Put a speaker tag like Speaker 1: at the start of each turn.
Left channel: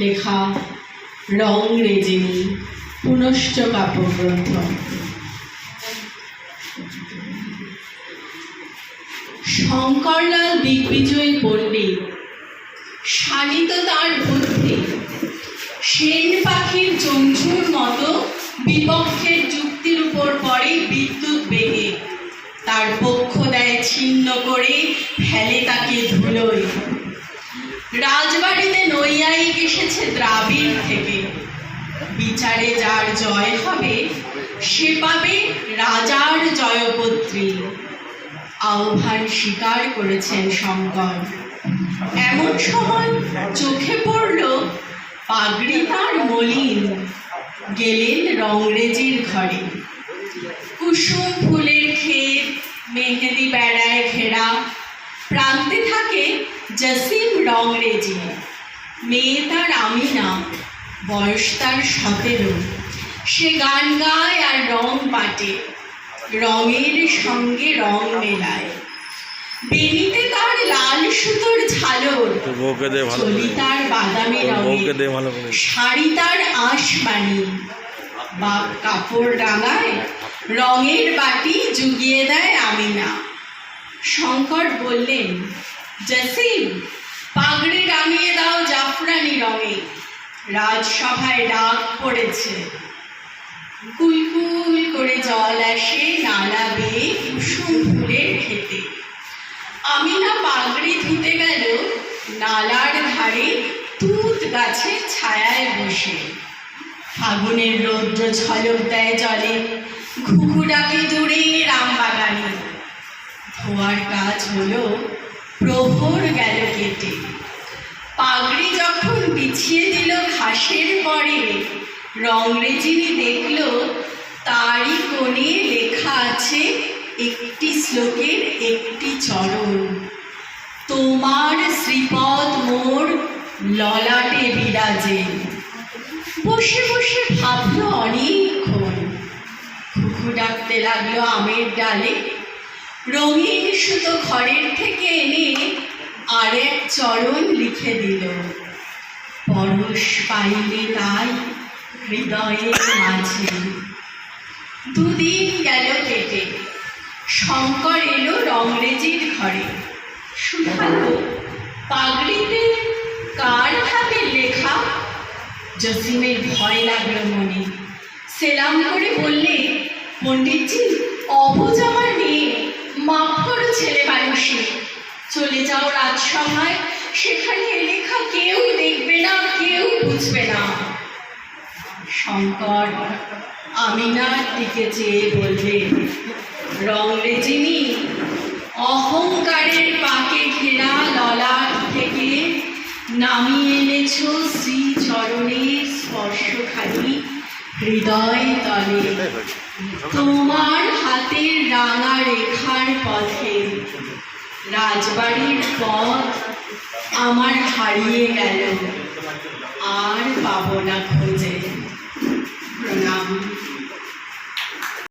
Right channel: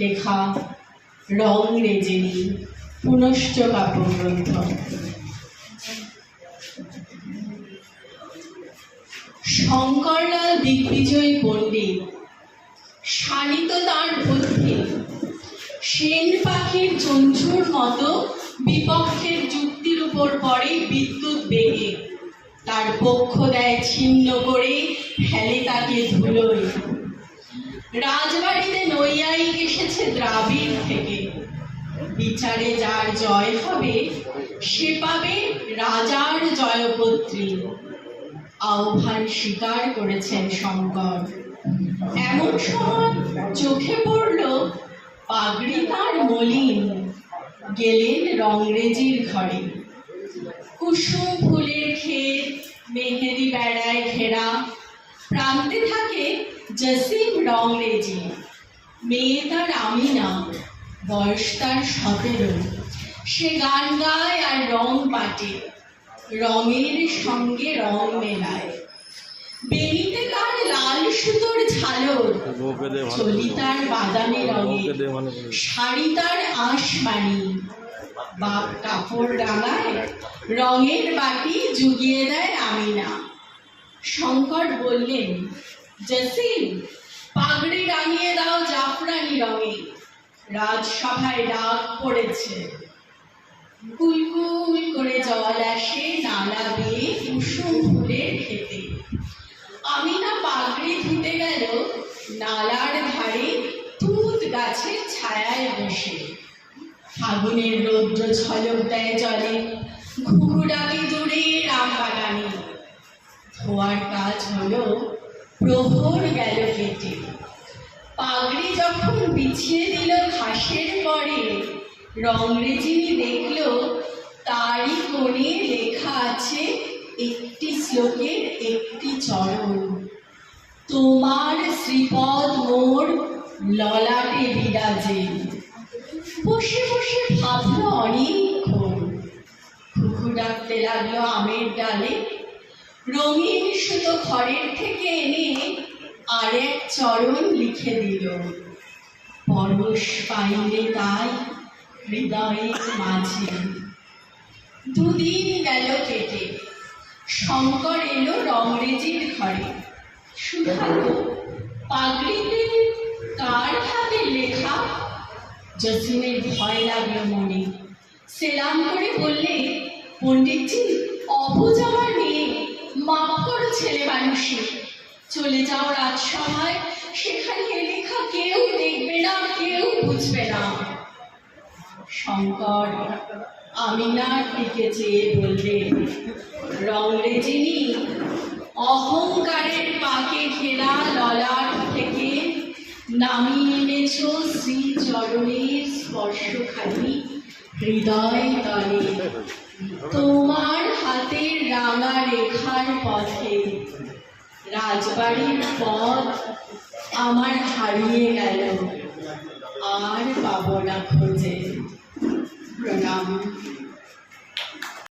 Speaker 1: লেখা, রং রেজেনি, পুনশ্চ কাব্যগ্রন্থ। শঙ্করলাল দিগ্বিজয়ী পণ্ডিত শানিত তার বুদ্ধি, সেন পাখির চঞ্চুর মতো বিপক্ষের যুক্তির উপর পড়ে বিদ্যুৎ বেগে। তার পক্ষ দেয় ছিন্ন করে, ফেলে তাকে ধুলোয়। রাজবাড়িতে এসেছে দ্রাবিড় থেকে। বিচারে যার জয় হবে, সে পাবে রাজার জয়পত্রী। আহ্বান স্বীকার করেছেন শঙ্কর। এমন সময় চোখে পড়ল পাগড়ি তার মলিন। গেলেন রংরেজির ঘরে। কুসুম ফুলের ক্ষেত মেহেদি বেড়ায় ঘেরা। প্রান্তে থাকে জসিম রংরেজি। মেয়ে তার আমিনা বয়স তার সতেরো। সে গান গায় আর রং পাটে রঙের সঙ্গে রং মেলায়। বেনিতে তার লাল সুতোর ঝালর
Speaker 2: তোর
Speaker 1: চলি বাদামি রঙের শাড়ি তার আঁশবাণী বাপ কাপড় রাঙায় রঙের বাটি জুগিয়ে দেয় আমিনা। শঙ্কর বললেন জসিম পাগড়ি রাঙিয়ে দাও জাফরানি রঙে। রাজসভায় ডাক পড়েছে। কুলকুল করে জল আসে নালা বেয়ে কুসুম ফুলের খেতে আমি না পাগড়ি ধুতে গেল, নালার ধারে তুত গাছের ছায়ায় বসে। ফাগুনের রৌদ্র ঝলক দেয় জলে, ঘুঘু ডাকে দূরে রামবাগানে। ধোয়ার কাজ হলো প্রহর গেল কেটে পাগড়ি যখন বিছিয়ে দিল ঘাসের পরে রংরেজিনি দেখল তারই কোণে লেখা আছে, একটি শ্লোকের একটি চরণ। তোমার শ্রীপদ মোর ললাটে বিরাজে। বসে বসে ভাবলো অনেকক্ষণ। খুকু ডাকতে লাগল আমের ডালে। রঙিন সুতো ঘরের থেকে এনে আর এক চরণ লিখে দিল। পরশ পাইলে তাই হৃদয়ের মাঝে। দুদিন গেল কেটে, শঙ্কর এলো রংরেজির ঘরে। শুধালো, পাগড়িতে কার হাতে লেখা? জসিমের ভয় লাগল মনে। সেলাম করে বললে, পণ্ডিতজি, অবুজ মানুষে চলে যাও রাজসভায়। সেখানে লেখা কেউ দেখবে না কেউ বুঝবে না। শঙ্কর আমিনার দিকে চেয়ে বলবে রংরেজিনী অহংকারের পাকে ঘেরা ললাট থেকে নামিয়ে এনেছ শ্রী চরণের স্পর্শখানি হৃদয় তলে। তোমার হাতের রাঙা রেখার পথে রাজবাড়ির পথ আমার হারিয়ে গেল। আর পাবো না খোঁজে।